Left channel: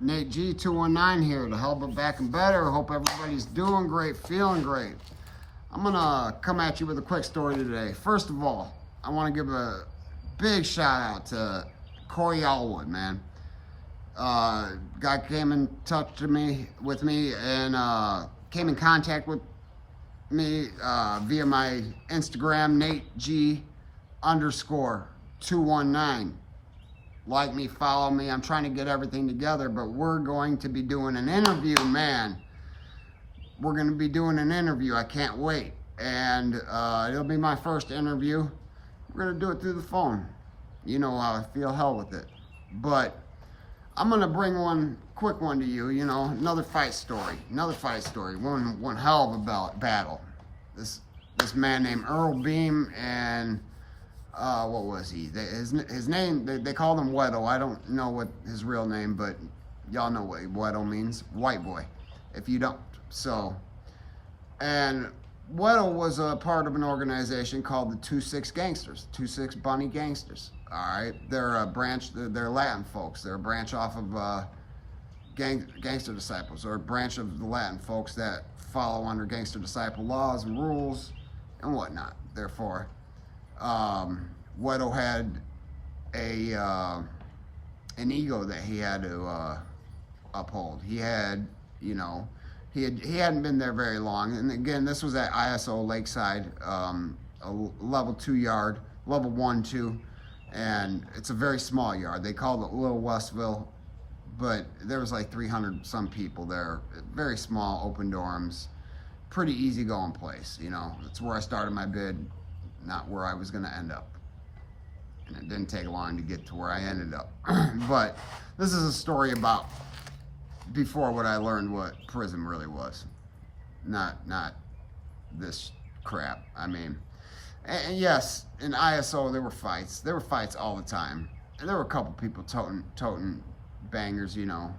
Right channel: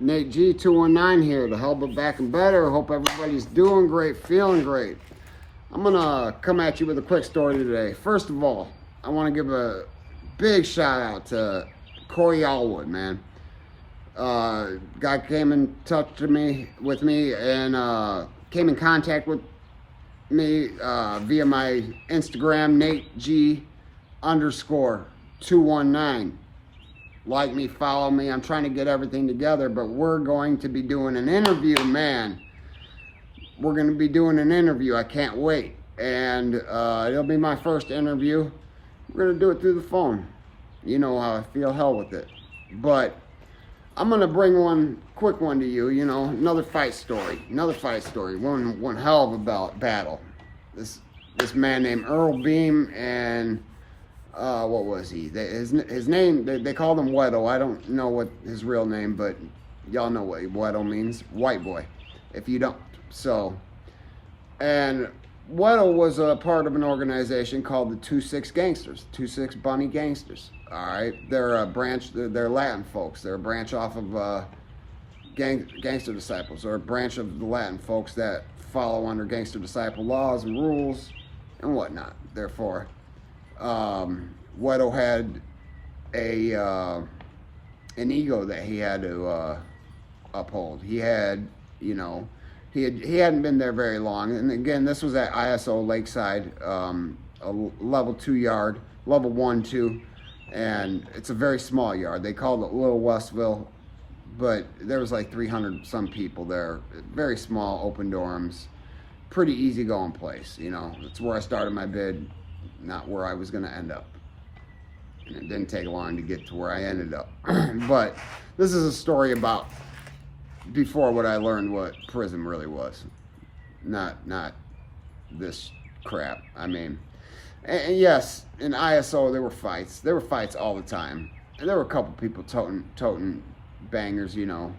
Nate G 219 here, the hell but back and better. Hope everybody's doing great, feeling great. I'm gonna come at you with a quick story today. First of all, I want to give a big shout out to Corey Allwood, man. Guy came in touch with me and came in contact with me via my Instagram, Nate G _219. Like me, follow me. I'm trying to get everything together, but we're going to be doing an interview, man. We're going to be doing an interview. I can't wait. And it'll be my first interview. We're going to do it through the phone. You know how I feel, hell with it. But I'm going to bring one quick one to you, you know, another fight story. One hell of a battle. This man named Earl Beam and what was he? His name, they called him Weddle. I don't know what his real name, but y'all know what Weddle means. White boy, if you don't. So, and Weddle was a part of an organization called the 2-6 Gangsters, 2-6 Bunny Gangsters. All right, they're a branch, they're Latin folks. They're a branch off of Gangster Disciples, or a branch of the Latin folks that follow under Gangster Disciple laws and rules and whatnot. Therefore, Weddle had an ego that he had to uphold. He had, you know, he hadn't been there very long. And again, this was at ISO Lakeside, a level 2 yard, level 1-2, and it's a very small yard. They called it Little Westville, but there was like 300 some people there. Very small, open dorms, pretty easy going place. You know, that's where I started my bid. Not where I was going to end up. And it didn't take long to get to where I ended up. But this is a story about before what I learned what prison really was. Not this crap. I mean, and yes, in ISO there were fights. There were fights all the time. And there were a couple people toting bangers, you know.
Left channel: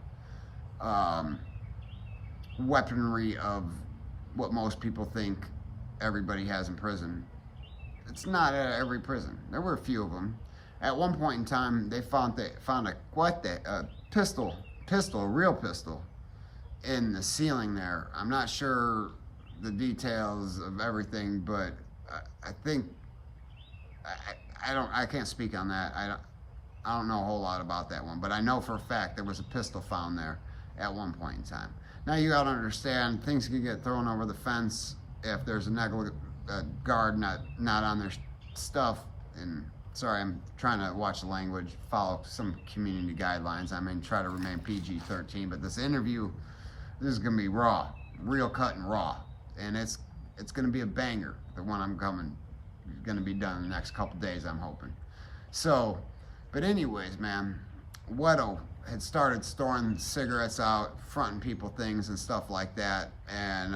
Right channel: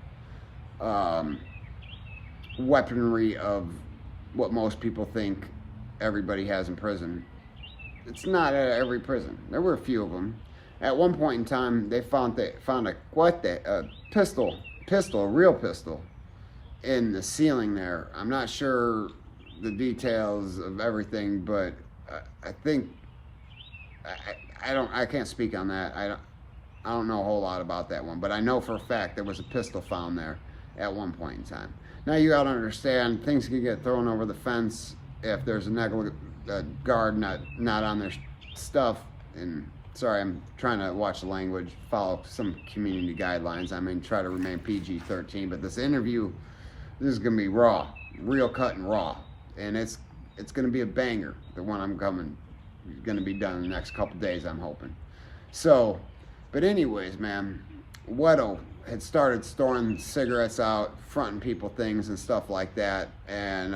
Weaponry of what most people think everybody has in prison. It's not at every prison. There were a few of them. At one point in time, they found a pistol, a real pistol, in the ceiling there. I'm not sure the details of everything, but I think I can't speak on that. I don't know a whole lot about that one, but I know for a fact there was a pistol found there at one point in time. Now you got to understand, things can get thrown over the fence if there's a guard not on their stuff. And sorry, I'm trying to watch the language, follow some community guidelines. I mean, try to remain PG-13, but this interview, this is gonna be raw, real cut and raw, and it's gonna be a banger. The one I'm gonna be done in the next couple days, I'm hoping. So, but anyways, man, Weddle had started storing cigarettes out, fronting people things and stuff like that, and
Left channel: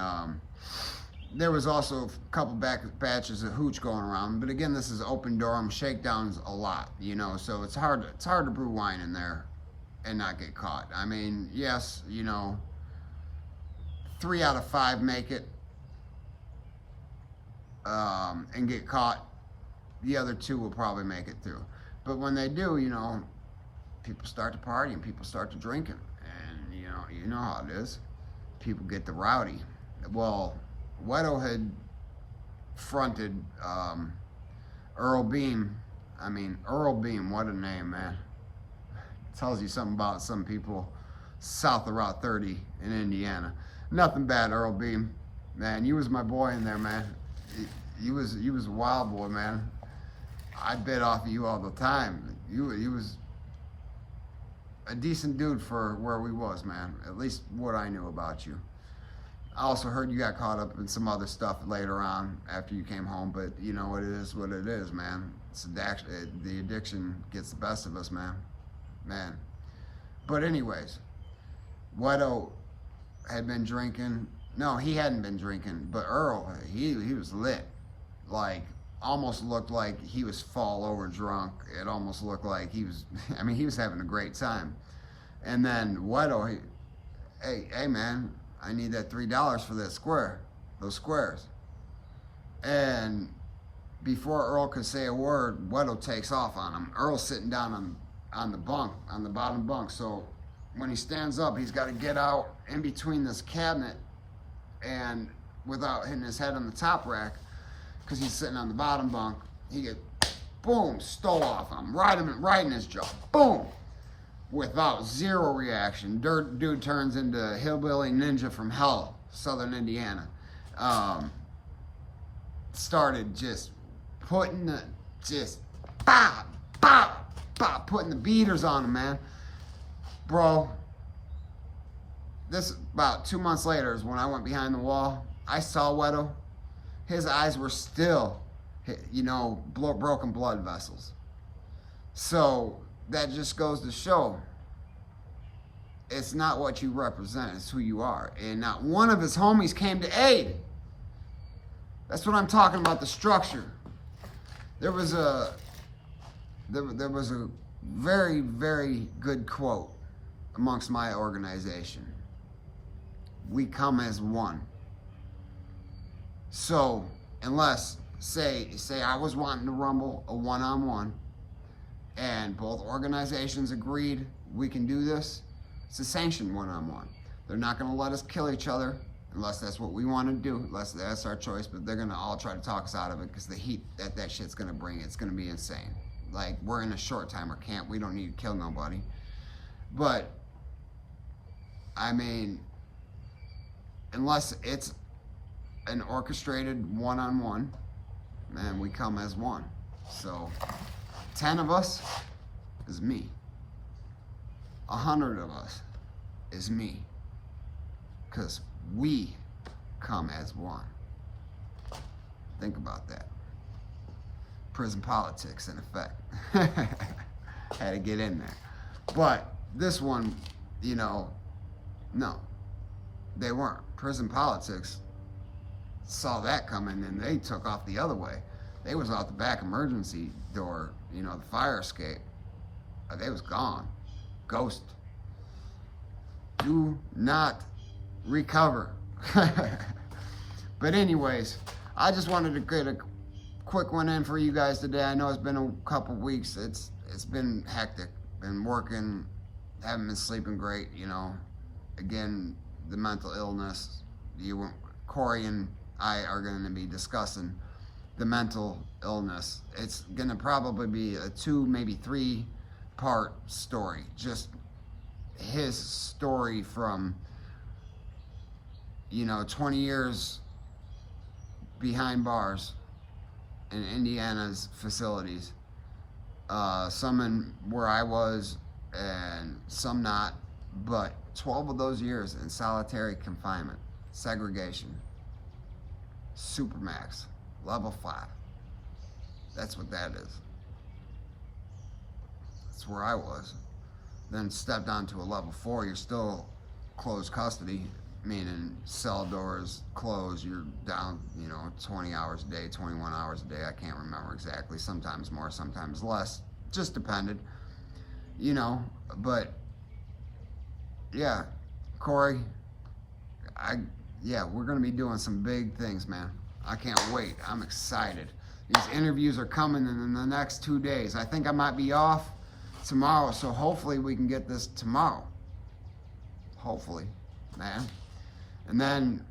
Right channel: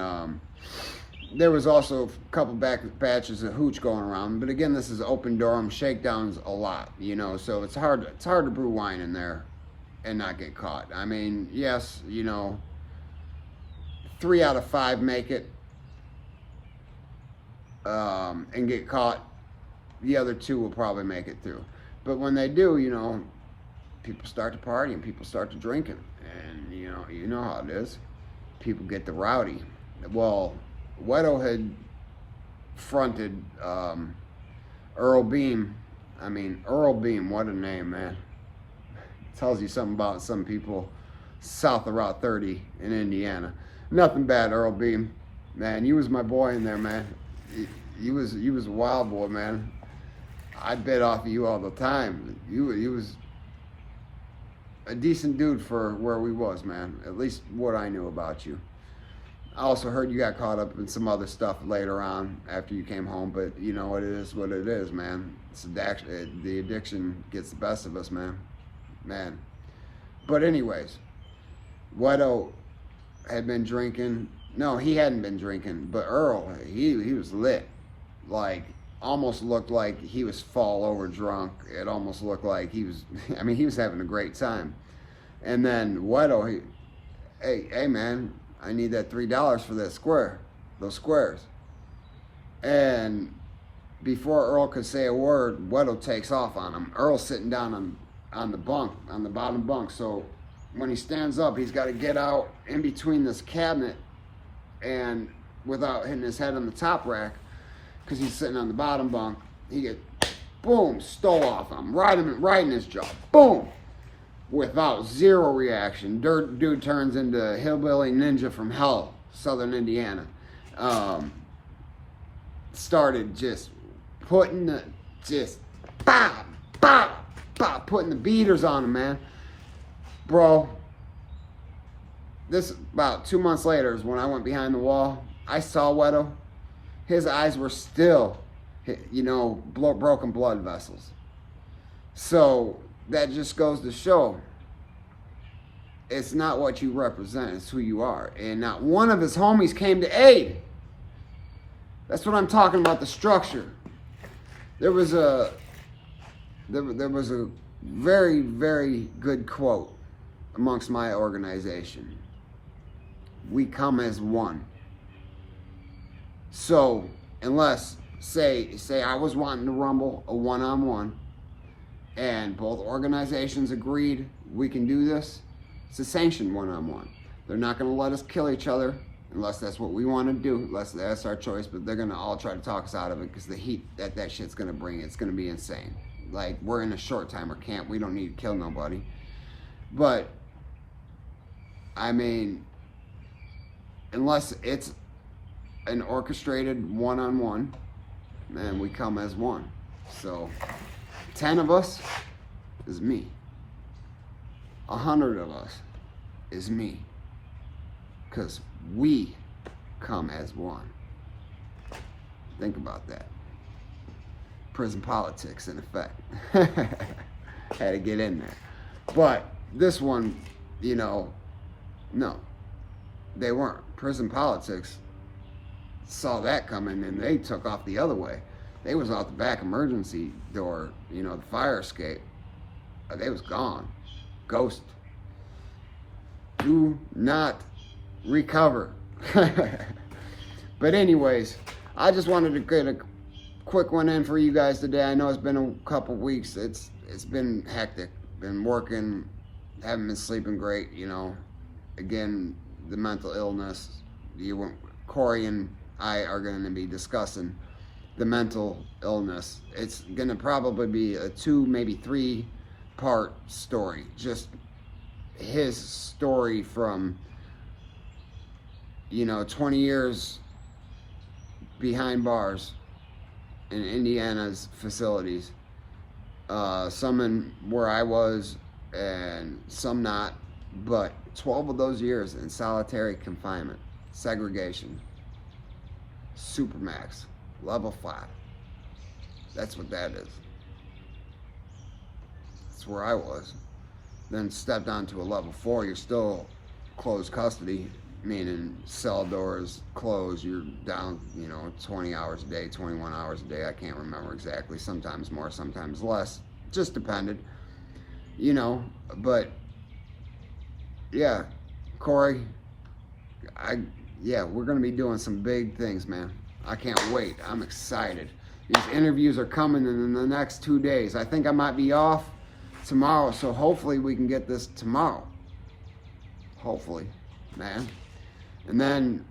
there was also a couple batches of hooch going around, but again, this is open dorm, shakedowns a lot, you know, so it's hard to brew wine in there and not get caught. I mean, yes, you know, 3 out of 5 make it and get caught. The other 2 will probably make it through. But when they do, you know, people start to party and people start to drinking, and you know how it is. People get the rowdy. Well, Weddle had fronted Earl Beam. I mean, Earl Beam, what a name, man. Tells you something about some people south of Route 30 in Indiana. Nothing bad, Earl Beam. Man, you was my boy in there, man. You was a wild boy, man. I bet off of you all the time. You was a decent dude for where we was, man. At least what I knew about you. I also heard you got caught up in some other stuff later on after you came home, but you know what it is, man. The addiction gets the best of us, man. But anyways, Weddle had been drinking. No, he hadn't been drinking, but Earl, he was lit. Like, almost looked like he was fall over drunk. It almost looked like he was, I mean, he was having a great time. And then Weddle, hey man, I need that $3 for those squares. And before Earl could say a word, Weddle takes off on him. Earl's sitting down on the bottom bunk. So when he stands up, he's got to get out in between this cabinet and without hitting his head on the top rack, because he's sitting on the bottom bunk. He get boom, stole off him, right in his jaw, boom, without zero reaction. Dude turns into hillbilly ninja from hell, Southern Indiana. Started just putting the putting the beaters on him, man. Bro, this about 2 months later is when I went behind the wall. I saw Wedo. His eyes were still, broken blood vessels. So that just goes to show it's not what you represent, it's who you are. And not one of his homies came to aid. That's what I'm talking about, the structure. There was a very, very good quote amongst my organization. We come as one. So, unless, say I was wanting to rumble a one-on-one, and both organizations agreed we can do this, it's a sanctioned one-on-one. They're not going to let us kill each other unless that's what we want to do, unless that's our choice, but they're going to all try to talk us out of it because the heat that shit's going to bring, it's going to be insane. Like, we're in a short-timer camp. We don't need to kill nobody. But, I mean, unless it's an orchestrated one-on-one, man, we come as one. So 10 of us is me. 100 of us is me. Because we come as one. Think about that. Prison politics, in effect. Had to get in there. But this one, no, they weren't. Prison politics saw that coming and they took off the other way. They was out the back emergency door, the fire escape. They was gone. Ghost. Do not recover. But anyways, I just wanted to get a quick one in for you guys today. I know it's been a couple weeks. It's been hectic. Been working, haven't been sleeping great, Again, the mental illness. Corey and I are going to be discussing the mental illness. It's going to probably be a 2, maybe 3-part story. Just his story from 20 years behind bars in Indiana's facilities. Some in where I was and some not, but 12 of those years in solitary confinement, segregation, supermax, level 5. That's what that is. That's where I was. Then stepped on to a level 4. You're still closed custody, meaning cell doors closed. You're down, 20 hours a day, 21 hours a day. I can't remember exactly. Sometimes more, sometimes less. Just depended, But yeah, Corey, we're gonna be doing some big things, man. I can't wait. I'm excited. These interviews are coming in the next 2 days. I think I might be off tomorrow, so hopefully we can get this tomorrow. Hopefully, man. And then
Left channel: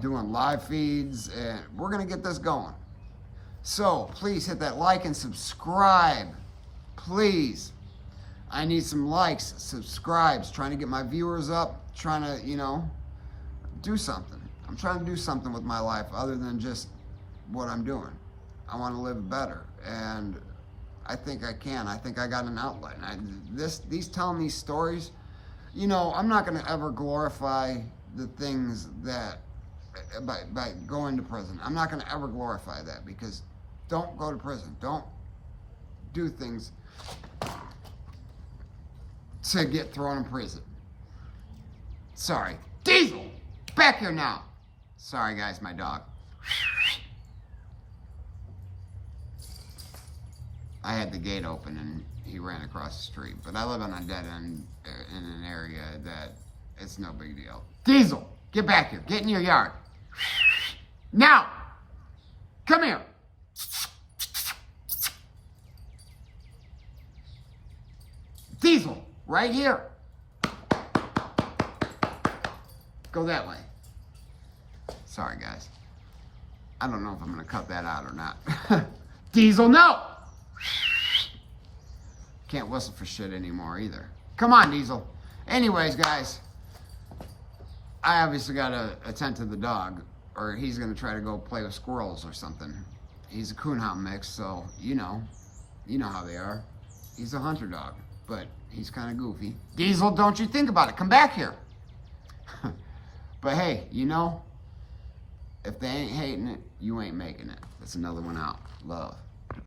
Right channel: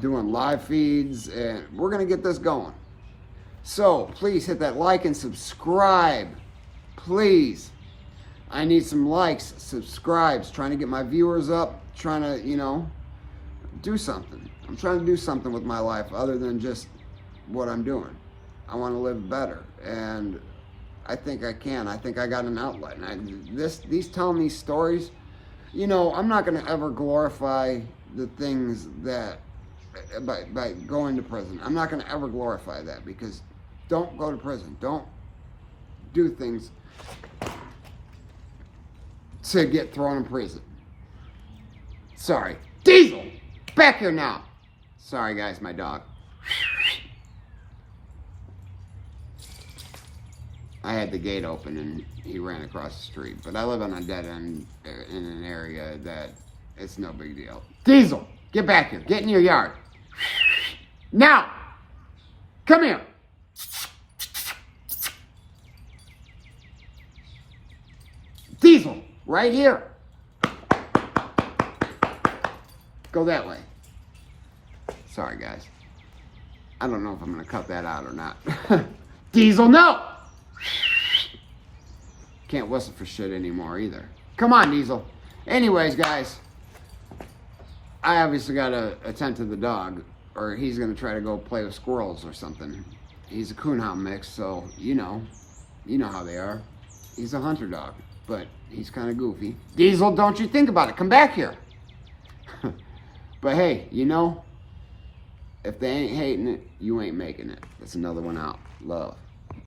doing live feeds, and we're gonna get this going. So please hit that like and subscribe. Please. I need some likes, subscribes, trying to get my viewers up, trying to, do something. I'm trying to do something with my life other than just what I'm doing. I want to live better, and I think I can. I think I got an outlet. And these telling these stories, I'm not going to ever glorify the things that by going to prison. I'm not going to ever glorify that, because don't go to prison. Don't do things to get thrown in prison. Sorry. Diesel! Back here now! Sorry guys, my dog. I had the gate open and he ran across the street. But I live on a dead end in an area that it's no big deal. Diesel! Get back here. Get in your yard. Now! Come here! Diesel, right here. Go that way. Sorry, guys. I don't know if I'm going to cut that out or not. Diesel, no! Can't whistle for shit anymore either. Come on, Diesel. Anyways, guys, I obviously got to attend to the dog, or he's going to try to go play with squirrels or something. He's a coonhound mix, so you know how they are. He's a hunter dog, but he's kind of goofy. Diesel, don't you think about it. Come back here. But hey, if they ain't hating it, you ain't making it. That's another one out. Love.